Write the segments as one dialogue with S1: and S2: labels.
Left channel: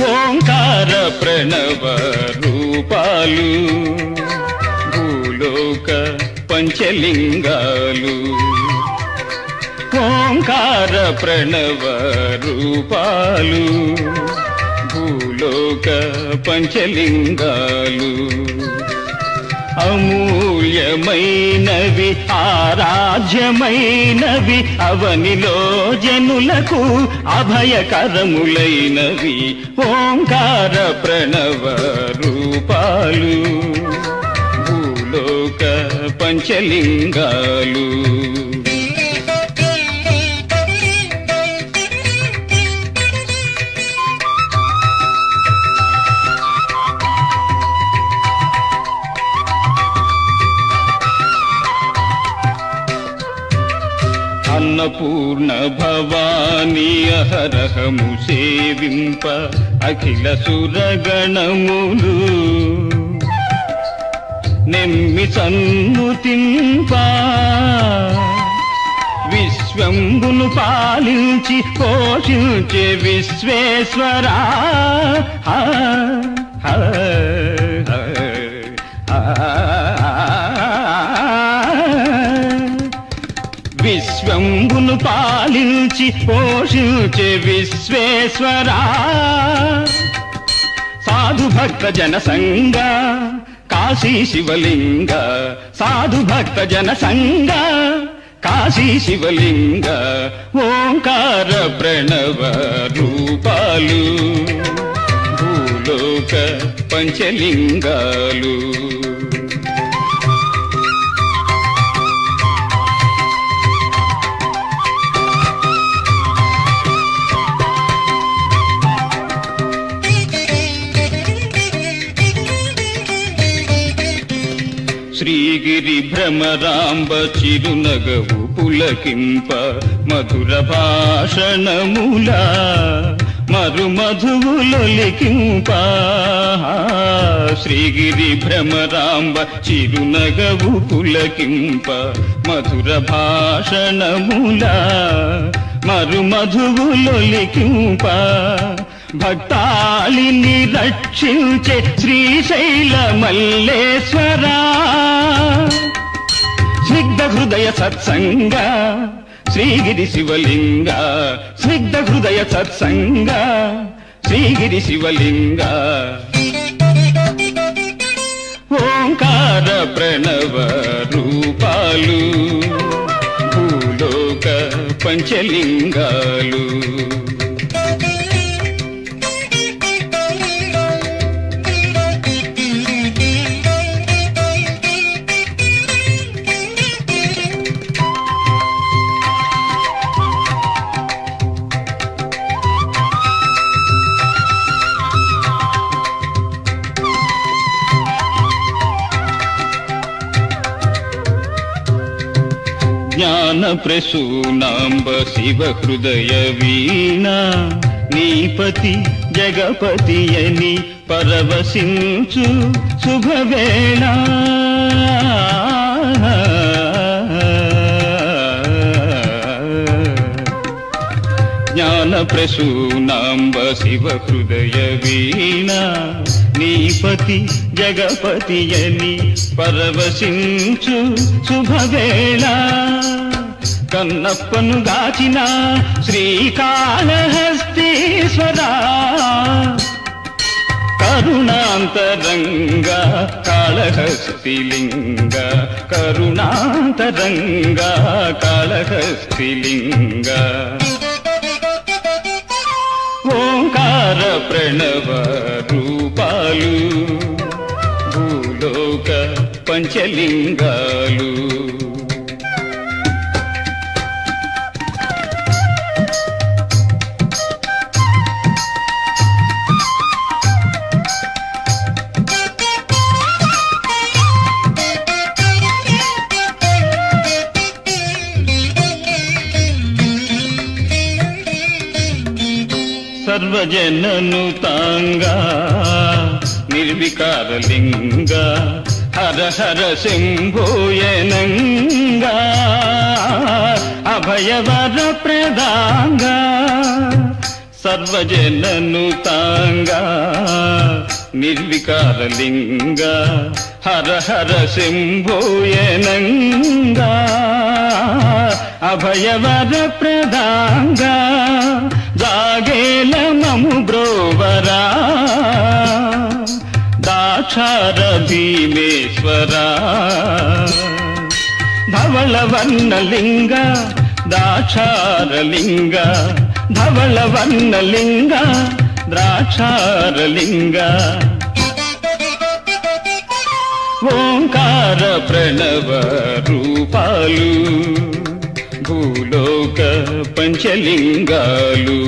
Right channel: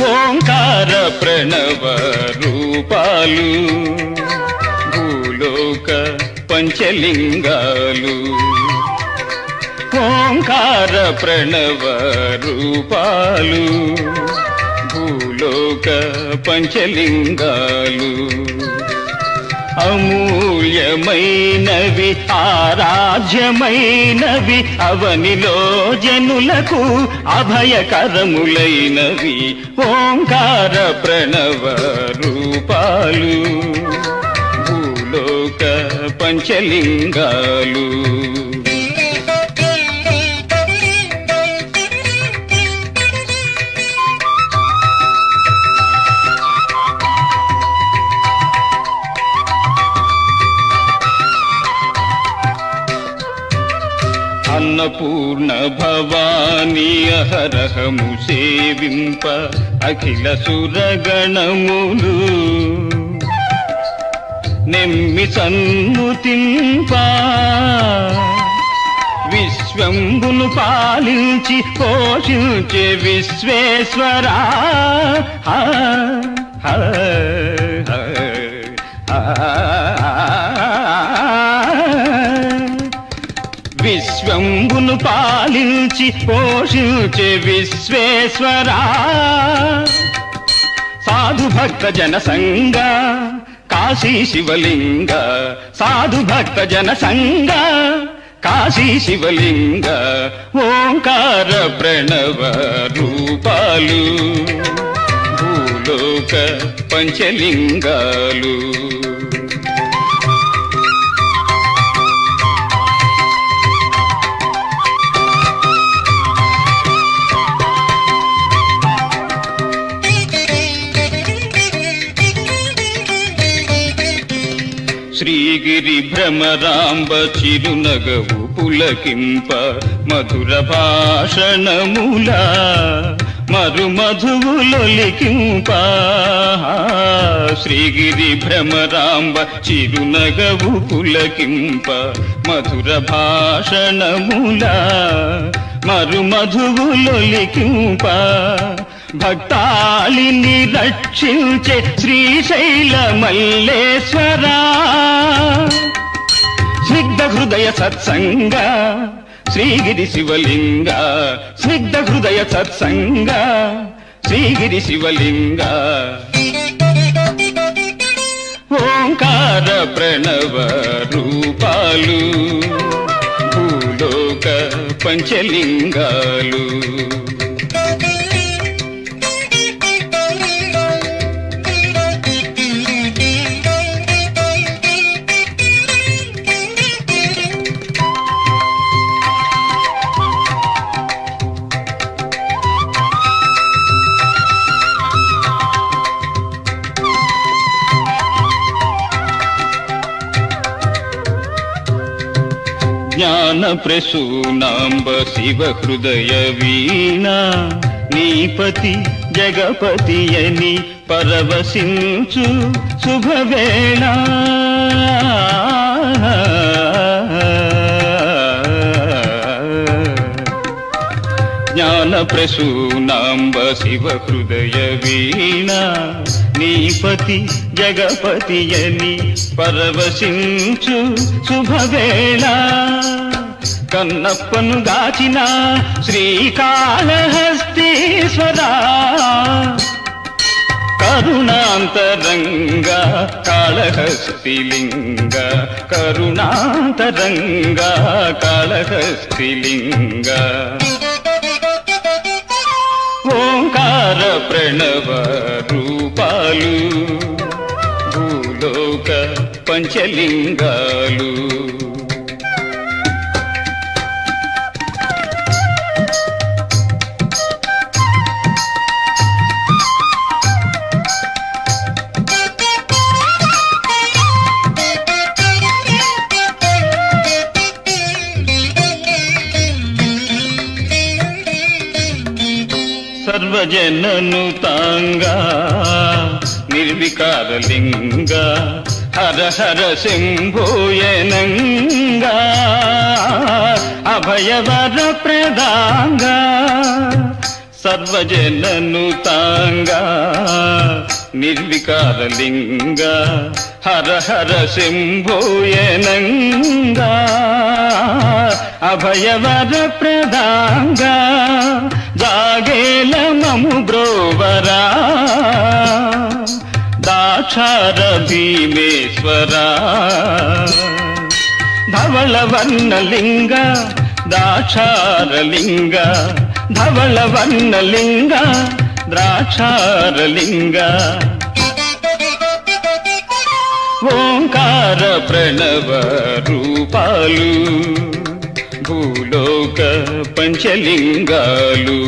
S1: ఓంకార ప్రణవ రూపాలు భూలోక పంచలింగాలు. ఓంకార ప్రణవ రూపాలు భూలోక పంచలింగాలు. అమూల్యమైనవి ఆరాధ్యమైనవి అవనిలో జనులకు అభయకరములైనవి ఓంకార ప్రణవ రూపాలు భూలోక పంచలింగాలు. భవానీ అహరహము సేవింప అఖిల సురగణములు. నెమ్మి సన్నుతింప విశ్వంబును పాలించి పోషించే విశ్వేశ్వరా. ఆ, పాలించి పోషించే విశ్వేశ్వరా. సాధు భక్త జన సంగ కాశీ శివలింగ. సాధు భక్త జన సంగ కాశీ శివలింగ. ఓంకార ప్రణవ రూపాలు భూలోక పంచలింగాలు. భ్రమరాంబ చిరునగవు పులకింప మధుర భాషణముల మరు మధువులొలికింప శ్రీగిరి భ్రమరాంబ చిరునగవు పులకింప మధుర భాషణముల మరు మధువులొలికింప భక్తాళిని రక్షించే శ్రీశైల మల్లేశ్వరా స్నిగ్ధ హృదయ సత్సంగ. శ్రీగిరి శివలింగ స్నిగ్ధ హృదయ సత్సంగ. శ్రీగిరి శివలింగ. ఓంకార ప్రణవ రూపాలు భూలోక పంచలింగాలు. ప్రసూనాంబ శివ హృదయ వీణా నీపతి జగపతి అని పరవశించు శుభవేళ జ్ఞాన ప్రసూనాంబ శివ హృదయ వీణా నీపతి జగపతి అని పరవశించు శుభవేళ కన్నప్పను దాచిన శ్రీకాళహస్తీశ్వరా. కరుణాంతరంగ కాళహస్తిలింగ కరుణాంతరంగ కాళహస్తిలింగ. ఓంకార ప్రణవ రూపాలు భూలోక పంచలింగాలు సర్వజనను తాంగా నిర్వికారలింగ హర హర శంభోయనంగా అభయవర ప్రదాంగా సర్వజననుతాంగా నిర్వికారలింగ హర హర శంభోయనంగా అభయవర ప్రదాంగా జాగేల మము బ్రోవరా దాక్షార భీమేశ్వరా ధవళవర్ణలింగ దాక్షారలింగ ధవళవర్ణలింగ ద్రాక్షారలింగ ఓంకార ప్రణవ రూపాలు భూలోక పంచలింగాలు.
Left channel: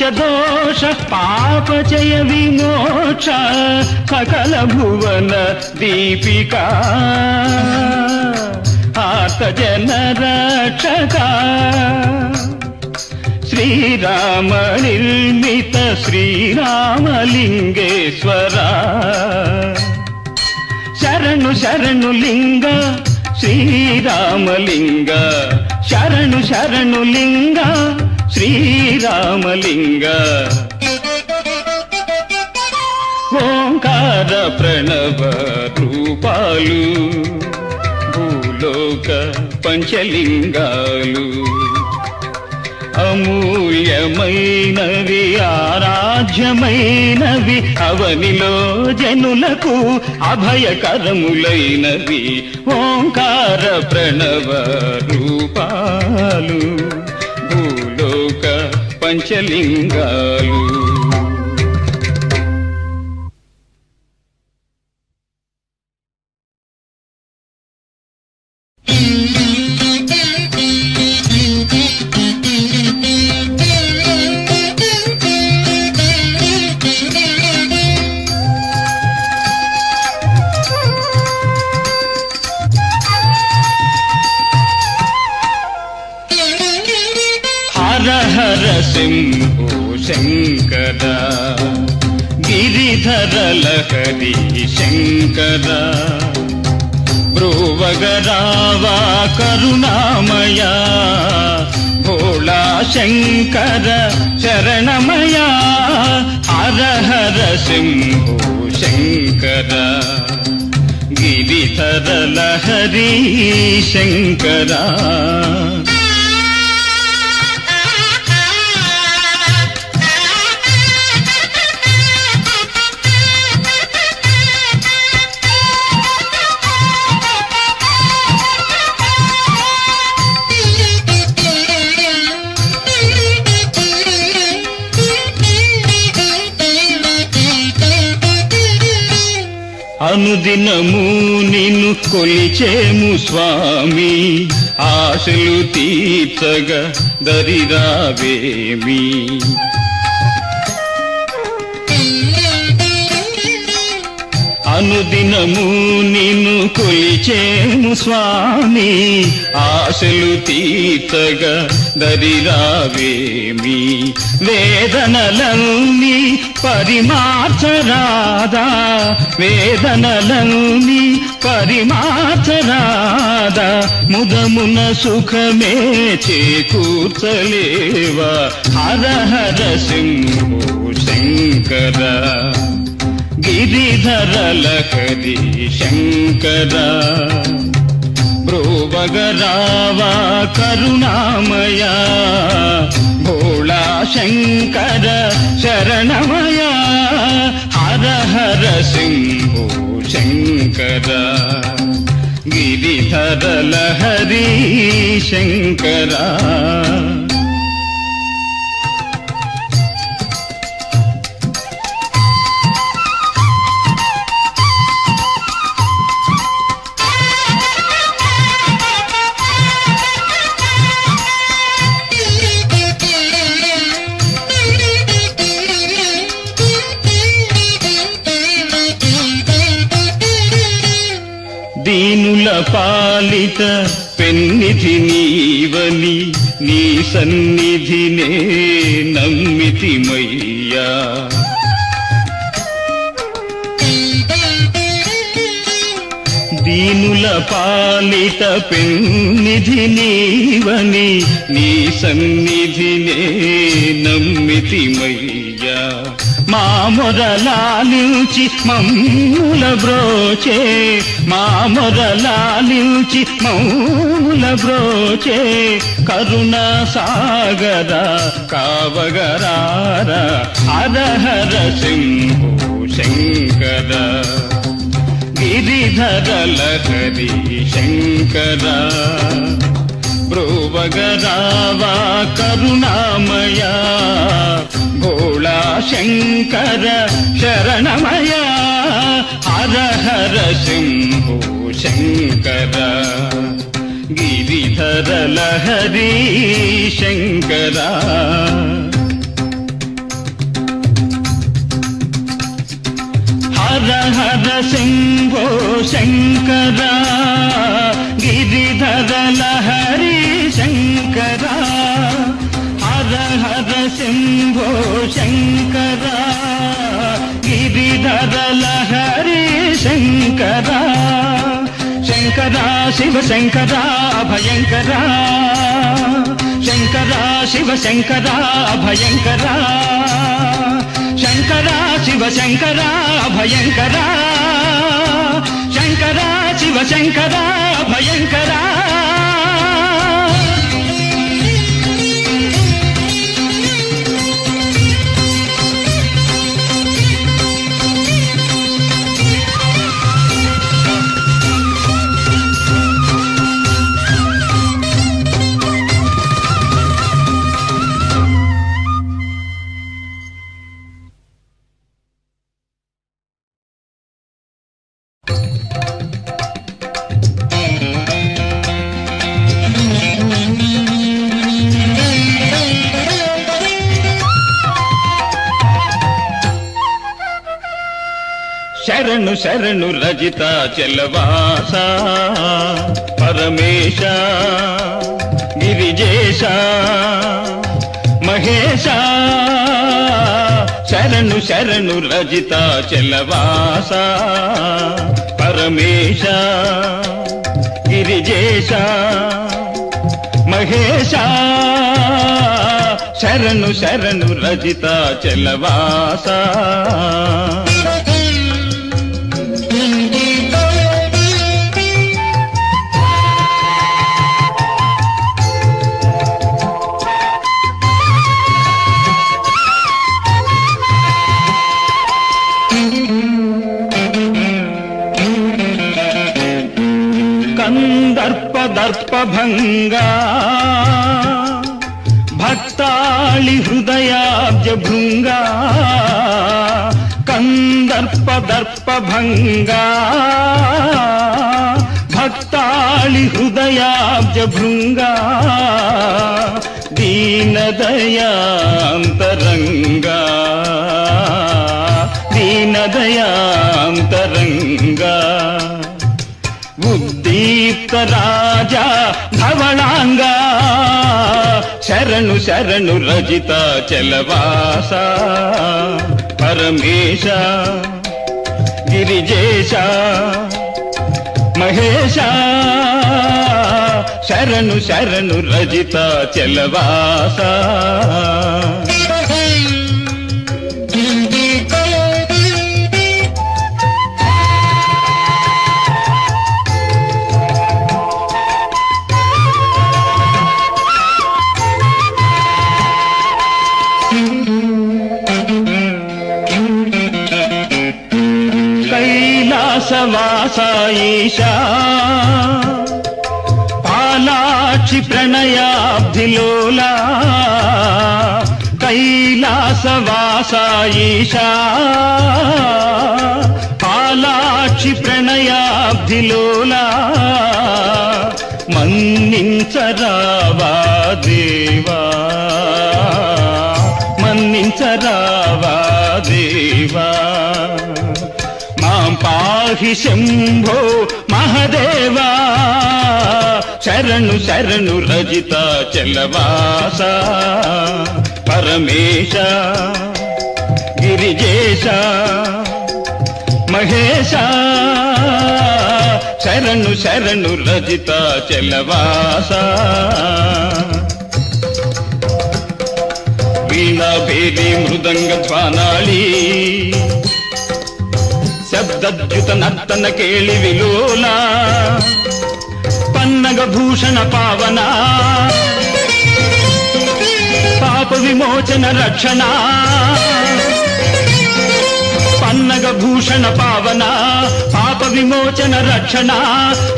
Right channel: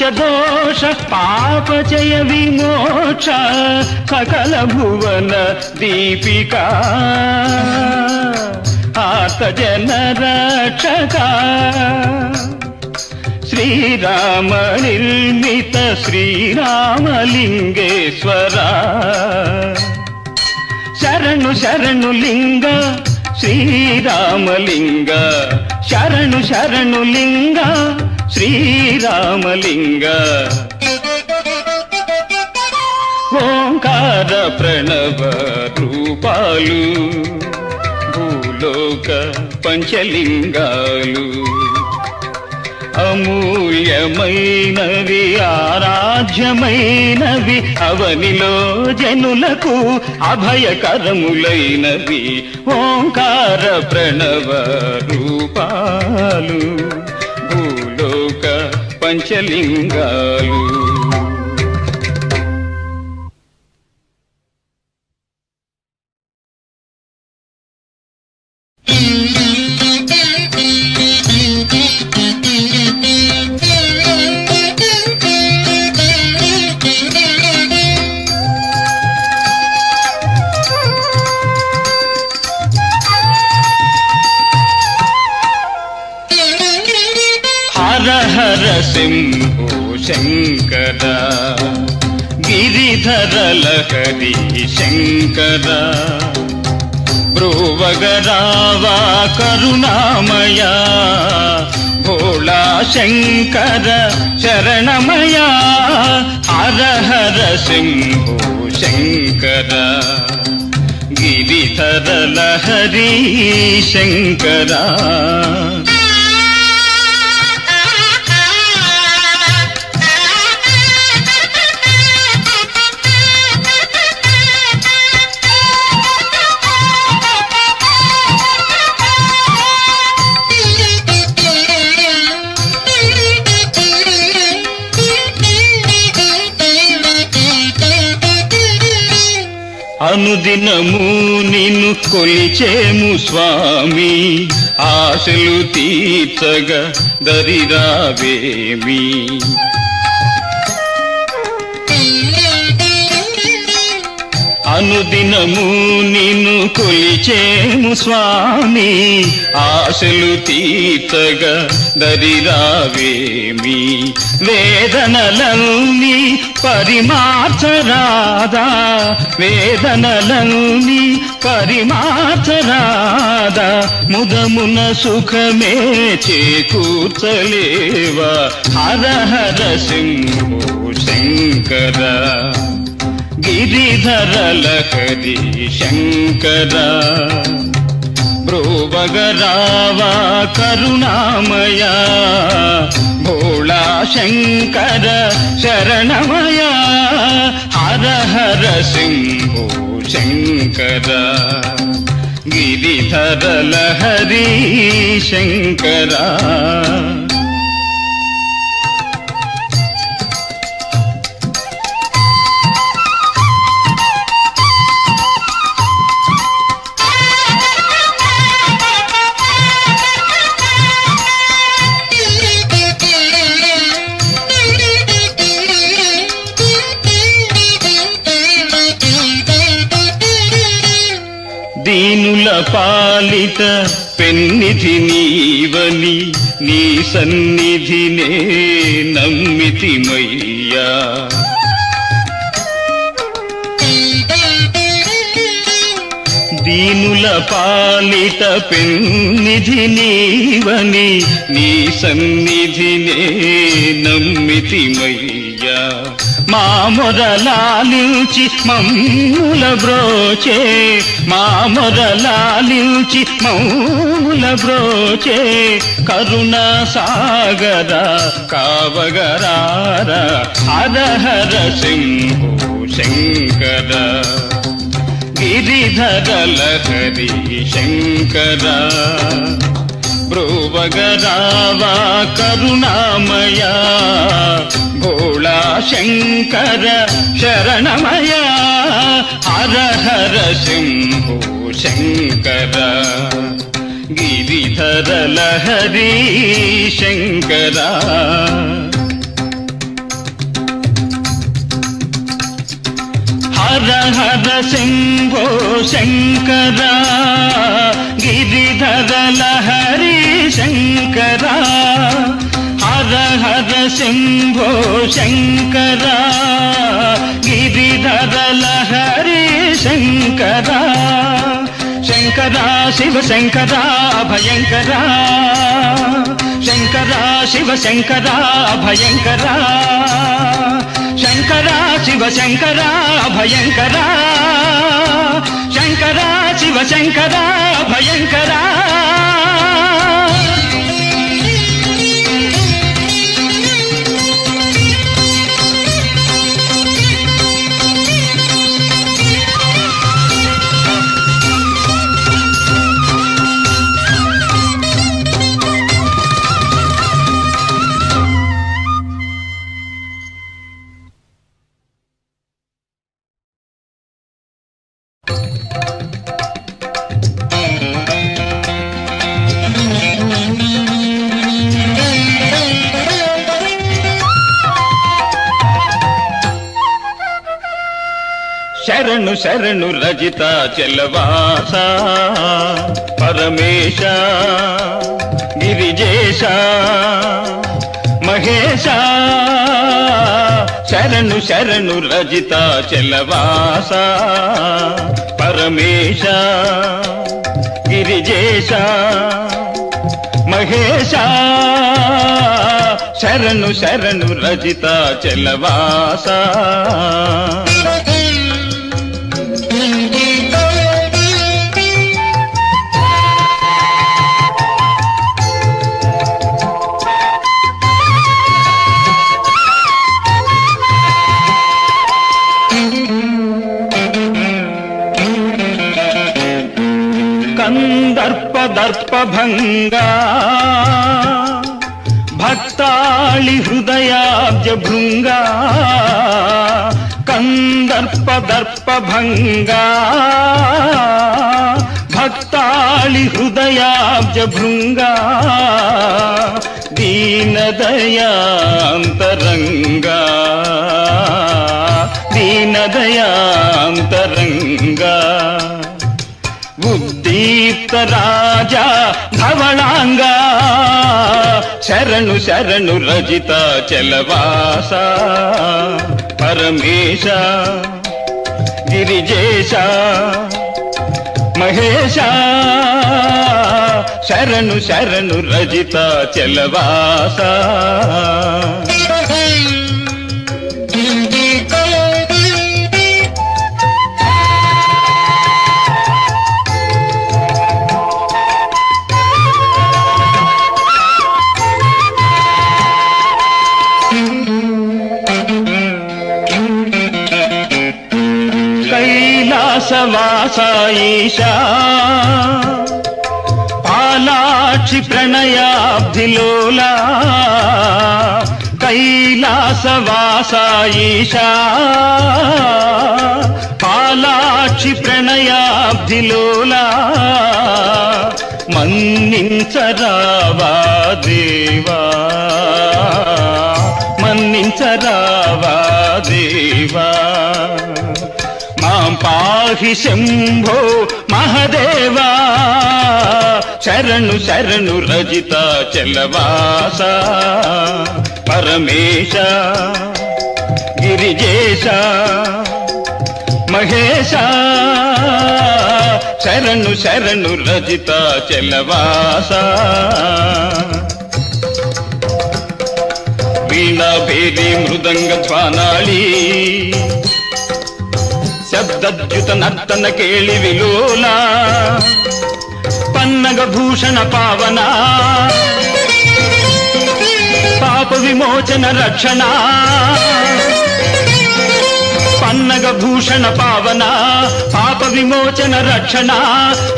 S1: బ్రహ్మహత్య దోష పాపచయ విమోక్ష సకల భువన దీపిక. ఆత జన రక్షక. శ్రీరామ నిర్మిత శ్రీరామలింగేశ్వర. శరణు శరణు లింగ శ్రీరామలింగ. శరణు శరణు లింగ శ్రీరామలింగ. ఓంకార ప్రణవ రూపాలు భూలోక పంచలింగాలు. అమూల్యమైనవి ఆరాధ్యమైనవి అవనిలో జనులకు అభయకరములైనవి. ఓంకార ప్రణవ రూపాలు. పంచలింగాలు శంకర బ్రువగరావా కరుణామయా భోళా శంకర శరణమయా హర సింహో శంకర గిరిధర లహరి శంకరా. అనుదినము నిన్ను కొలిచేము స్వామి. ఆశలు తీర్చగా దరిరావేమి అనుదినము నిన్ను కొలిచేము స్వామి. ఆశలు తీర్చగా దరిరావేమి వేదనలని పరిమార్చరాదా వేదనలని పరిమార్చరాదా ముదమున సుఖమే చేకూర్చలేవా? హర హర శంభో శంకర. గిరిధరల కది శంకర. బ్రోవగరావా కరుణామయ భోళా శంకర శరణమయ హర హర సింహో శంకర గిరిధర లహరి శంకరా. పాలిత పెన్నిధి నీవని నీ సన్నిధినే నమ్మితిమయ్యా. పాలిత పెన్నిధి నీవని నీ సన్నిధినే నమ్మితిమయ్యా మా మొదలాలించి మమ్ముల బ్రోచే మా మొదలాలించి మౌల బ్రోచే కరుణ సాగర కావగరార హరహర శంభో శంకర. गिरिधर लहरि शङ्करा प्रोवगरा वा करुणामया गोळा शङ्कर शरणमया हर हर सम्भो शङ्कर गिरिधर शङ्करा। హర హర శంభో శంకర గిరిధర లహరి శంకర హర హర శంభో శంకర గిరిధర లహరి శంకర శంకర శివ శంకర భయంకర శంకర శివ శంకర భయంకర శంకరా శివ శంకరా భయంకరా. శంకరా శివ శంకరా భయంకరా. శరణు శరణు రజిత చెల్లవాస పరమేశ గిరిజేశ. మహేశ. శరణు శరణు రజిత చలవాస. పరమేశ గిరిజేశ. మహేశ శరణు శరణు రజిత చలవాస. కందర్పదర్పభంగా భక్తాళి హృదయాబ్జ భృంగా కందర్పదర్పభంగా. భక్తాళి హృదయాబ్జ భృంగా దీనదయాంతరంగా. దీనదయాంతరంగా ఉద్దీప్త రాజా ధవళాంగా శరణు శరణు రజిత చలవాస పరమేశ గిరిజేశ మహేశ శరణు శరణు రజిత చలవాస సాయిషా పాలాచి ప్రణయాబ్దిలోలా మన్నించరావా దేవా? మన్నించరావా దేవా? మా పాహి శంభో మహదేవా శరణు శరణు రజిత చలవాస పరమేశ గిరిజేశ మహేశ శరణు శరణు రజిత చలవాస వీణా భేది మృదంగ పానాళి శబ్దద్యుత నర్తన కేళి విలోల పన్నగ భూషణ పావన పాప విమోచన రక్షణ పన్నగ భూషణ పావన పాప విమోచన రక్షణ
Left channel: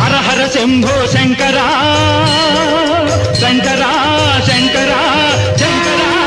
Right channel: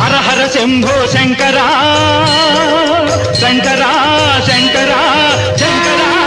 S1: హర హర శంభో శంకరా శంకరా శంకరా శంకరా.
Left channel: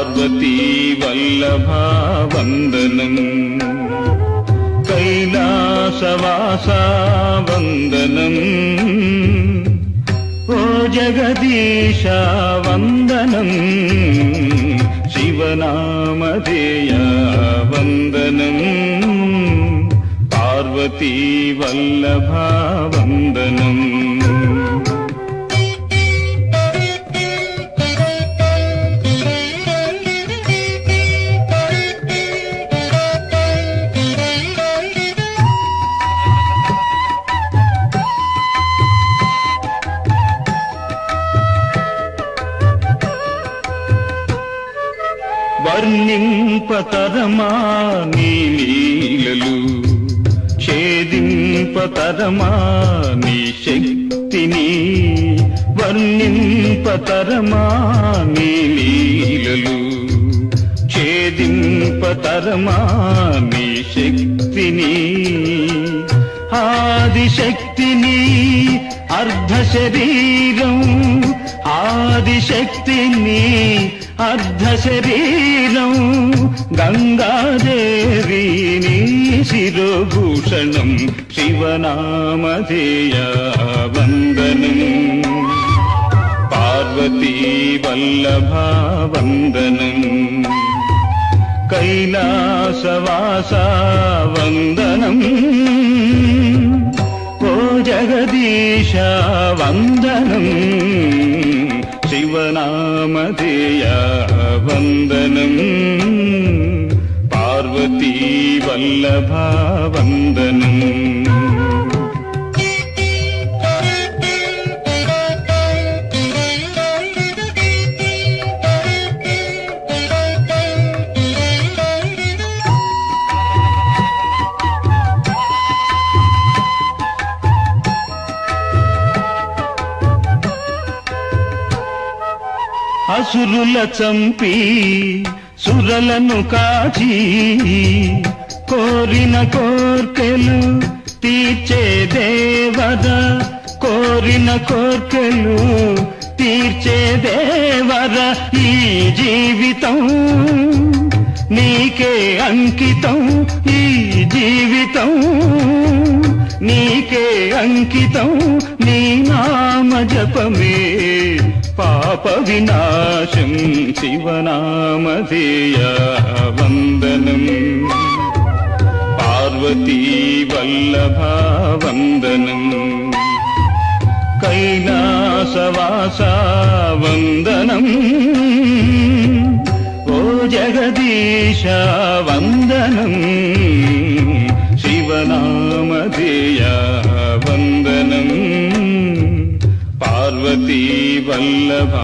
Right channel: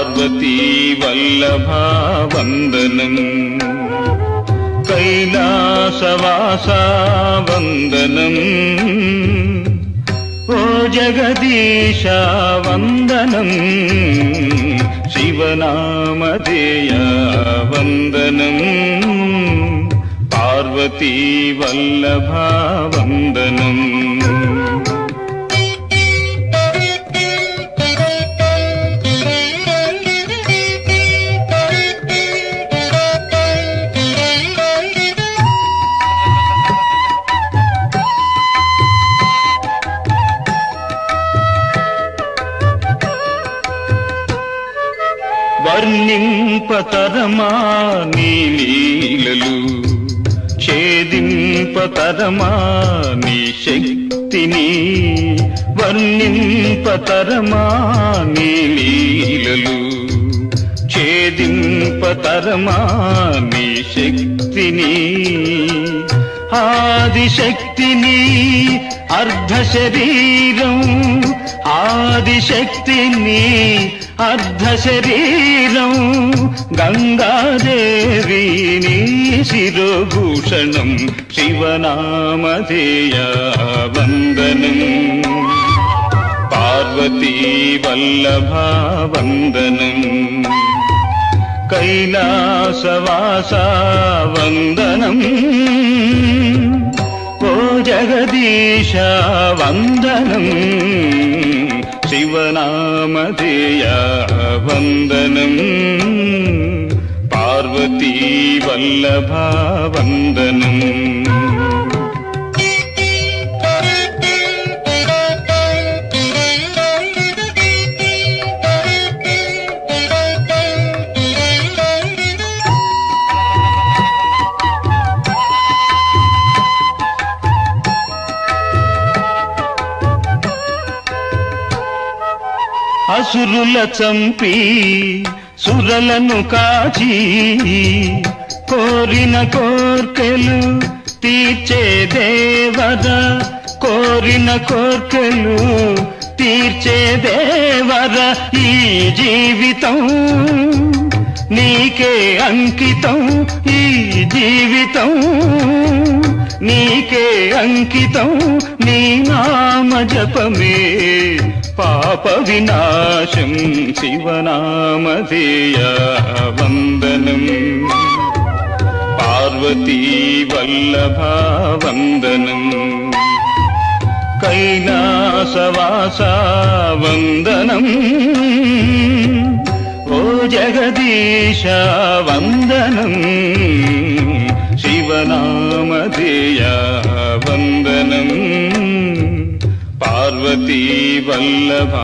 S1: पार्वती कैलासवासा वन्दनम् ओ जगदीशा वन्दनम् शिवनामधेया वन्दनम् पार्वती वल्लभावन्दनम् వర్ణింపతరమా నీ లీలలు? ఛేదింపతరమా నీ శక్తిని? వర్ణింపతరమా నీ లీలలు? ఛేదింపతరమా నీ శక్తిని? ఆదిశక్తిని అర్ధ శరీరం ఆదిశక్తిని अर्धशरीरं अर्धशरीरम् गङ्गादेवीणीशिरोभूषणम् शिवनामधेया वन्दनम् पार्वती वल्लभावन्दनम् कैलासवासावन्दनम् को जगदीश वन्दनम् பவனாமதேயா வந்தனம். பார்வதி வல்லபா வந்தனம். అసురుల చంపి సురలను కాచి కోరిన కోర్కెలు తీర్చే దేవద కోరిన కోర్కెలు తీర్చే దేవద ఈ జీవితం. నీకే అంకితం ఈ జీవితం. నీకే అంకితం నీ నామ జపమే. पापविनाशं शिवनामधेया वन्दनम् पार्वतीवल्लभावन्दनम् कैनासवासावनम् ओ जगदीशावनम् शिवनामधेया वन्दनम् पार्वती वल्लभा।